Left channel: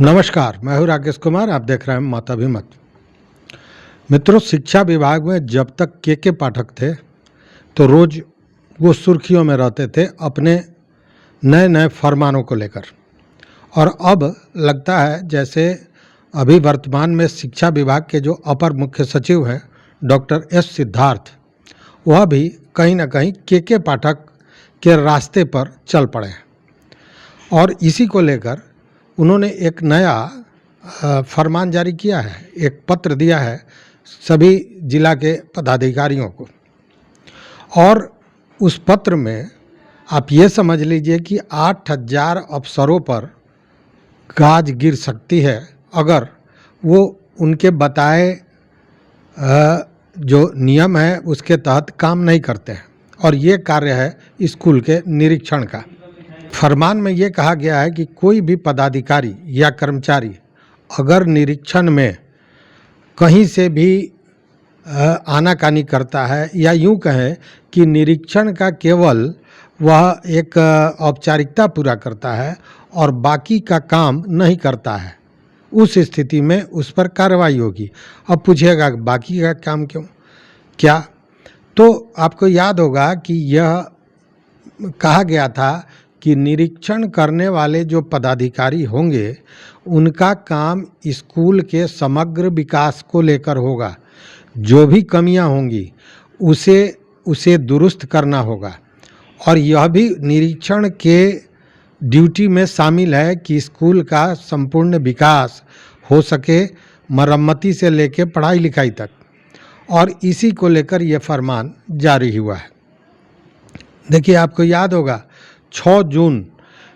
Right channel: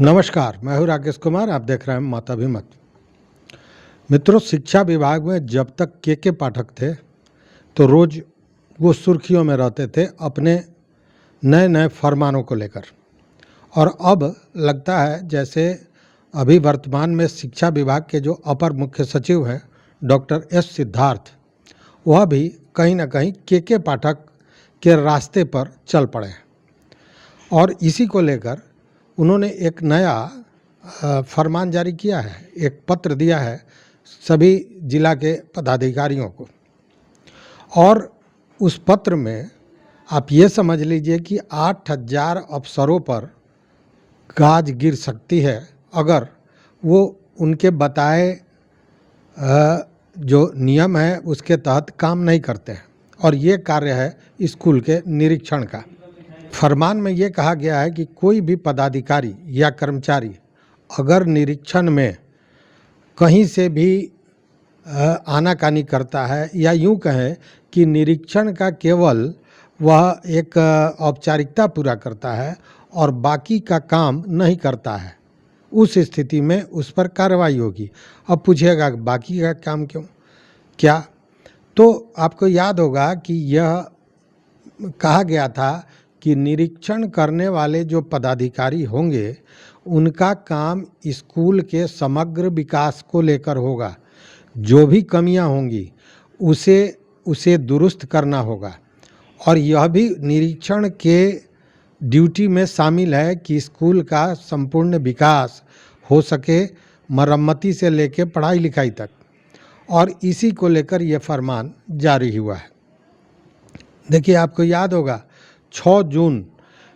नमस्कार, मैं हूं राकेश कुमार। आप देख रहे हैं माताभिमत। मित्रों, शिक्षा विभाग में जब तक के पाठक थे तो रोज वो सुर्खियों में रहते थे अपने नए नए फरमानों को लेकर। और अब लगता है जैसे अभी वर्तमान में शिक्षा विभाग के जो अपर मुख्य सचिव हैं डॉक्टर एस सिद्धार्थ, वह भी कहीं ना कहीं के पाठक के रास्ते पर चल पड़े हैं। और इसी को लेकर उन्होंने एक नया फरमान जारी किया है, एक पत्र दिया है सभी जिला के पदाधिकारियों को। और उस पत्र में आप ये समझ लीजिए कि 8000 अफसरों पर गाज गिर सकती है अगर वो उनके बताए जो नियम है उसके तहत काम नहीं करते हैं। और ये कार्य है स्कूल के निरीक्षण का। फरमान में ये कहा गया है कि कोई भी पदाधिकारी या कर्मचारी अगर निरीक्षण में कहीं से भी आनाकानी करता है या यूं कहें कि निरीक्षण का केवल वह एक औपचारिकता पूरा करता है और बाकी का काम नहीं करता है, उस स्थिति में उस पर कार्रवाई होगी। अब पूछिएगा बाकी का काम क्यों, क्या? तो आपको याद होगा कि यह कहा गया था कि निरीक्षण करने वाले जो पदाधिकारी होंगे उनका काम स्कूल के समग्र विकास को लेकर होगा। जो भी कमियां होंगी उसे दुरुस्त करना होगा। और यह भी निरीक्षण के ड्यूटी में शामिल है कि स्कूल का संपूर्ण विकास हो सके, मरम्मती से लेकर पढ़ाई लिखाई तक। और इसी को लेकर यह फरमान जारी हुआ है। देखिए, आपको याद होगा 6 जून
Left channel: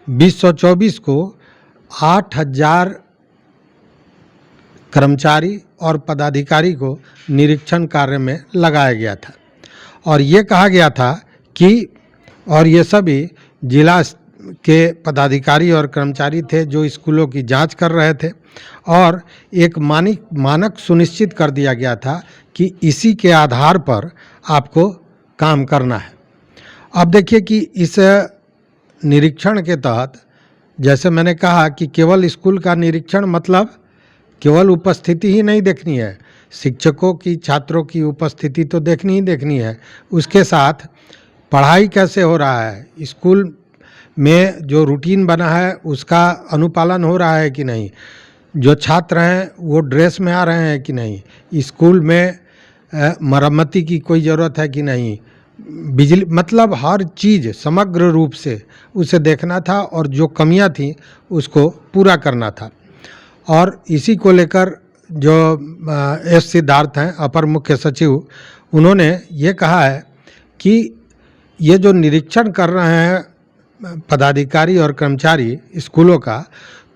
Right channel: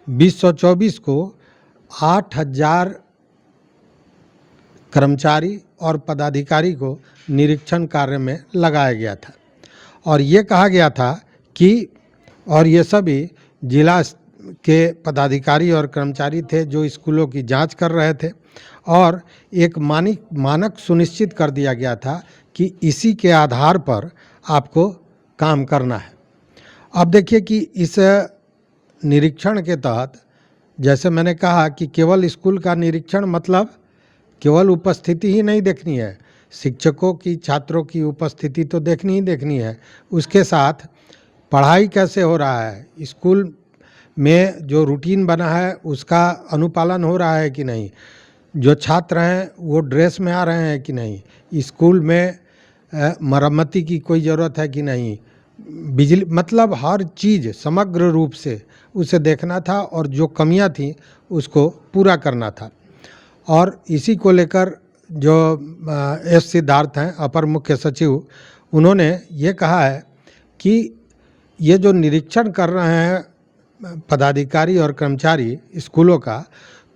2024 को 8000 कर्मचारी और पदाधिकारी को निरीक्षण कार्य में लगाया गया था। और ये कहा गया था कि और ये सभी जिला के पदाधिकारी और कर्मचारी थे जो स्कूलों की जांच कर रहे थे। और एक मानक सुनिश्चित कर दिया गया था कि इसी के आधार पर आपको काम करना है। अब देखिए कि इस निरीक्षण के तहत जैसे मैंने कहा कि केवल स्कूल का निरीक्षण मतलब केवल उपस्थिति ही नहीं देखनी है, शिक्षकों की, छात्रों की उपस्थिति तो देखनी ही देखनी है। उसके साथ पढ़ाई कैसे हो रहा है, स्कूल में जो रूटीन बना है उसका अनुपालन हो रहा है कि नहीं, जो छात्र हैं वो ड्रेस में आ रहे हैं कि नहीं, स्कूल में मरम्मती की कोई ज़रूरत है कि नहीं, बिजली, मतलब हर चीज़ समग्र रूप से उसे देखना था और जो कमियां थी उसको पूरा करना था। और इसी को लेकर जो एस सिद्धार्थ हैं अपर मुख्य सचिव, उन्होंने ये कहा है कि ये जो निरीक्षण कर रहे हैं पदाधिकारी और कर्मचारी स्कूलों का,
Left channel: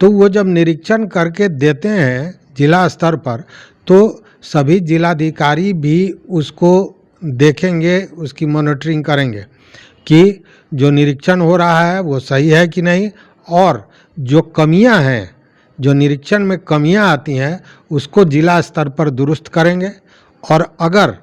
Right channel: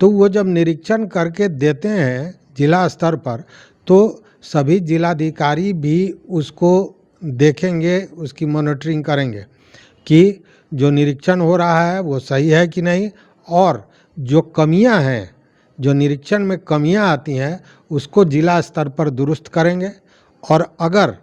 तो वो जब निरीक्षण करके देते हैं जिला स्तर पर तो सभी जिलाधिकारी भी उसको देखेंगे, उसकी मॉनिटरिंग करेंगे कि जो निरीक्षण हो रहा है वो सही है कि नहीं। और जो कमियां हैं, जो निरीक्षण में कमियां आती हैं उसको जिला स्तर पर दुरुस्त करेंगे। और अगर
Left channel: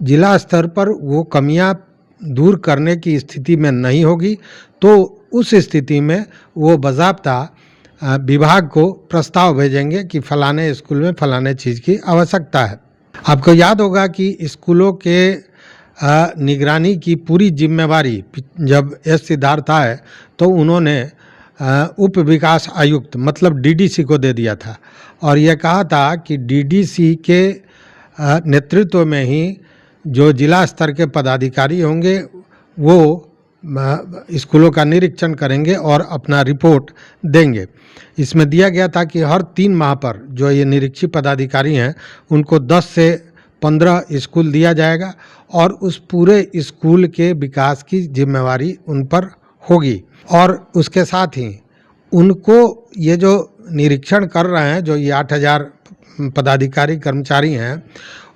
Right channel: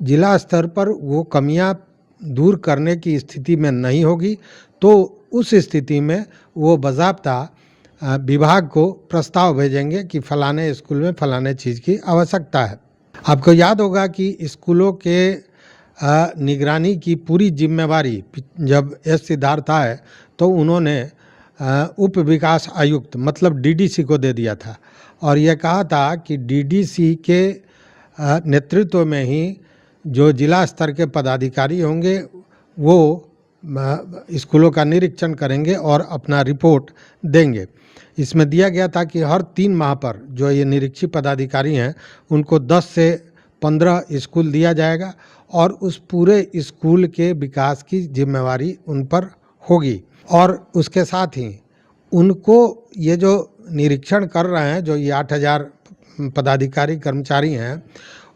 जिला स्तर पर वो कमियां दूर करने की स्थिति में नहीं होगी तो उस स्थिति में वो बाज़ाब्ता विभाग को प्रस्ताव भेजेंगे कि फलाने स्कूल में फलाने चीज़ की आवश्यकता है। आपको याद होगा कि स्कूलों के निगरानी की पूरी जिम्मेवारी जब एस सिद्धार्थ आए तो उन्होंने उप विकास आयुक्त मतलब डीडीसी को दे दिया था। और यह कहा था कि डीडीसी के नेतृत्व में ही जो जिला स्तर के पदाधिकारी होंगे वो स्कूलों का निरीक्षण करेंगे और अपना रिपोर्ट देंगे। इसमें दिया गया था कि हर 3 माह पर जो ये निरीक्षी पदाधिकारी हैं उनको 10 से 15 स्कूल दिया जाएगा और उस पूरे स्कूल के विकास की जिम्मेवारी उन पर होगी। और उसके साथ ही उनको ये जो निरीक्षण कर रहे हैं, जो ये 8000 पदाधिकारी कर्मचारी हैं,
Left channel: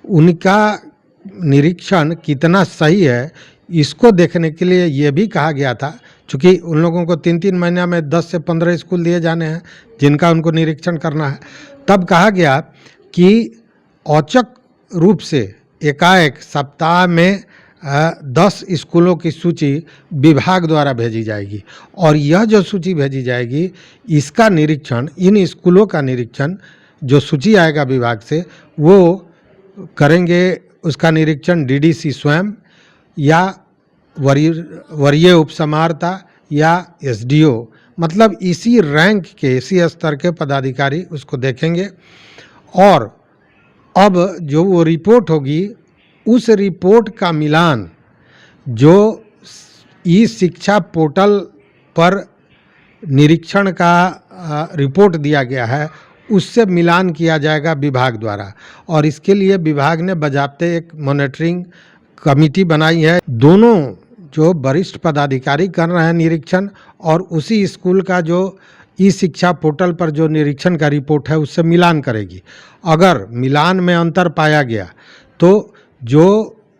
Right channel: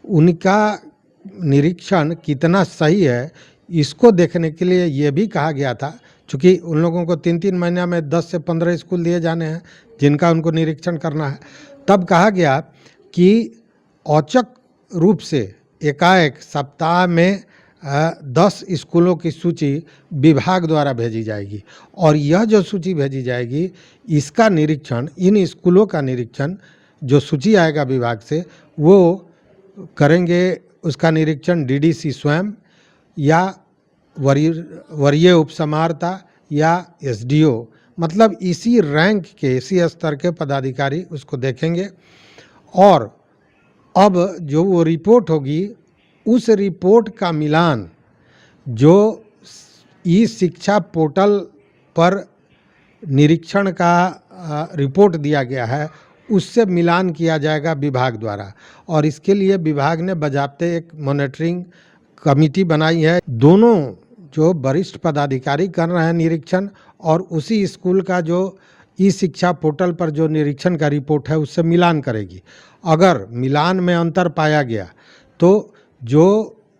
उनका निरीक्षण कितना सही है इसको देखने के लिए ये भी कहा गया था। चूँकि उन लोगों को 3-3 महीने में 10 से 15 स्कूल दिए जाने हैं जिनका उनको निरीक्षण करना है, तब कहा गया कि औचक रूप से एकाएक सप्ताह में 10 स्कूलों की सूची विभाग द्वारा भेजी जाएगी और यह जो सूची भेजी जाएगी इसका निरीक्षण, इन स्कूलों का निरीक्षण जो सूची आएगा विभाग से वो करेंगे, उसका निरीक्षण डीडीसी स्वयं या वरीय उपसमाहर्ता या एसडीओ, मतलब इसी रैंक के, इसी स्तर के पदाधिकारी उसको देखेंगे। और अब जो वो रिपोर्ट होगी उस रिपोर्ट का मिलान जो ई शिक्षा पोर्टल पर निरीक्षण का रिपोर्ट दिया गया है उससे मिलान किया जाएगा विभाग द्वारा। और इसके लिए विभाग ने बजाते एक मॉनिटरिंग कमेटी बनाई है। दोनों जो वरिष्ठ पदाधिकारी कर रहे हैं निरीक्षण और उसी स्कूल का जो ई शिक्षा पोर्टल पर जो निरीक्षण का रिपोर्ट है उससे मिलान करेगी। अगर मिलान में अंतर पाया गया तो जो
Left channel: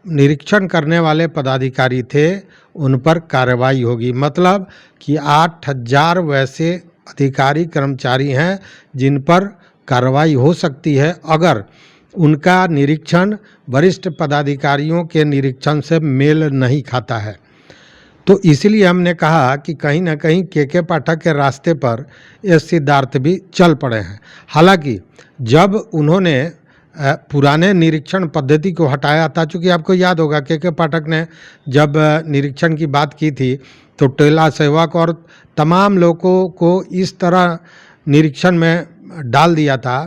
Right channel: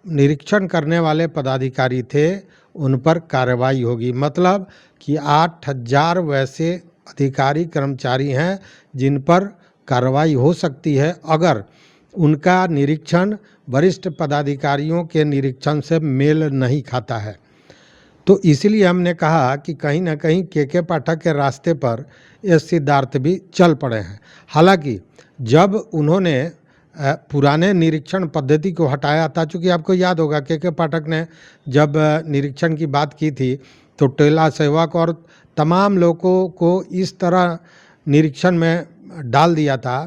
निरीक्षण करने वाले पदाधिकारी थे उन पर कार्रवाई होगी। मतलब कि 8000 वैसे अधिकारी कर्मचारी हैं जिन पर कार्रवाई हो सकती है अगर उनका निरीक्षण वरिष्ठ पदाधिकारियों के निरीक्षण से मेल नहीं खाता है। तो इसलिए हमने कहा कि कहीं ना कहीं के पाठक के रास्ते पर एस सिद्धार्थ भी चल पड़े हैं। हालांकि जब उन्होंने पुराने निरीक्षण पद्धति को हटाया था, चूँकि आपको याद होगा के पाठक ने जब निरीक्षण की बात की थी तो टेला सेवक और तमाम लोगों को इस तरह निरीक्षण में डाल दिया था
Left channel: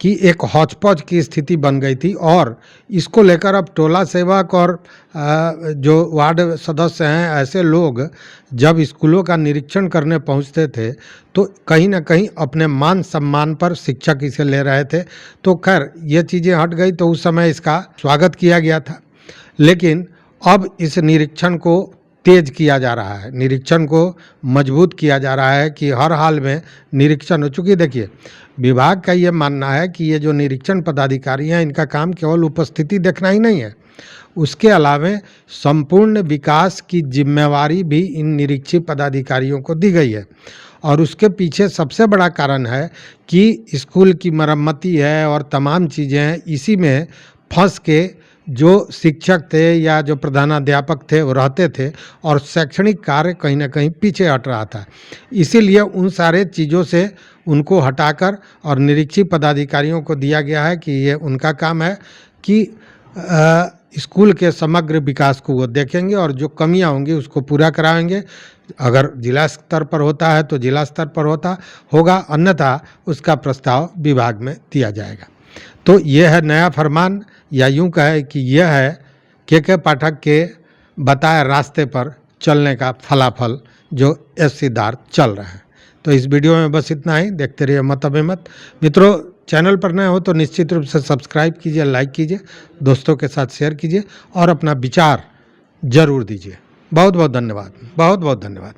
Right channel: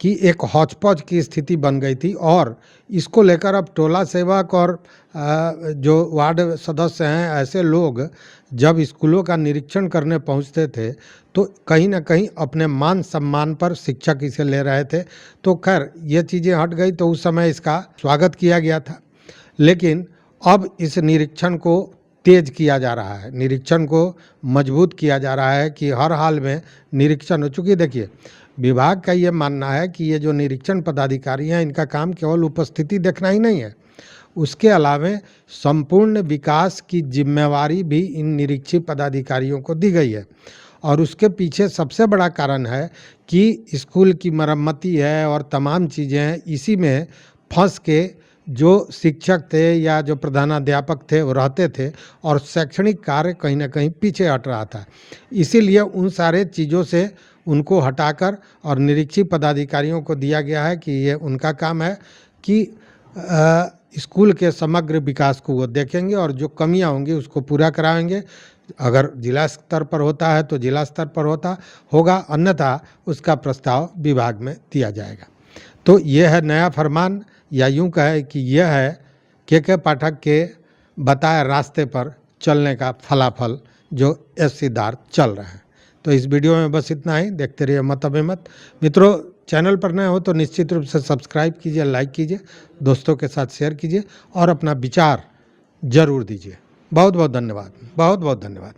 कि एक हौच-पौच की स्थिति बन गई थी। और इसको लेकर अब टोला सेवक और जो वार्ड सदस्य हैं ऐसे लोग जब स्कूलों का निरीक्षण करने पहुंचते थे तो कहीं ना कहीं अपने मान सम्मान पर शिक्षक इसे ले रहे थे। तो खैर ये चीज़ें हट गई तो उस समय इसका स्वागत किया गया था। लेकिन अब इस निरीक्षण को तेज किया जा रहा है, निरीक्षण को मजबूत किया जा रहा है कि हर हाल में निरीक्षण हो। चूँकि देखिए विभाग का ये मानना है कि ये जो निरीक्षण पदाधिकारी हैं इनका काम केवल उपस्थिति देखना ही नहीं है, उसके अलावा संपूर्ण विकास की जिम्मेवारी भी इन निरीक्षी पदाधिकारियों को दी गई है। और उसके पीछे सबसे बड़ा कारण है कि स्कूल की मरम्मती है और तमाम चीज़ें हैं, इसी में फंस के जो शिक्षक थे या जो प्रधानाध्यापक थे वो रहते थे और शैक्षणिक कार्य कहीं ना कहीं पीछे हट रहा था। इसीलिए उन सारे चीज़ों से उनको हटाकर और निरीक्षी पदाधिकारियों को दिया गया है कि ये उनका काम है कि स्कूल के समग्र विकास को वो देखेंगे और जो कमियां होंगी उसको पूरा कराएंगे। अगर जिला स्तर पर होता है तो जिला स्तर पर होगा, अन्यथा उसका प्रस्ताव विभाग में दिया जाएगा। तो ये है नया फरमान, या यूँ कहे कि यह है के पाठक के बताए रास्ते पर चलने का फलाफल जो एस सिद्धार्थ चल रहे हैं। तो इस वीडियो में बस इतना ही। देखते रहिए मत अभिमत। मित्रों, चैनल पर नए हो तो निश्चित रूप से सब्सक्राइब कीजिए, लाइक कीजिए, दोस्तों के साथ शेयर कीजिए और अपना विचार जरूर दीजिए। बहुत बहुत धन्यवाद, बहुत बहुत धन्यवाद।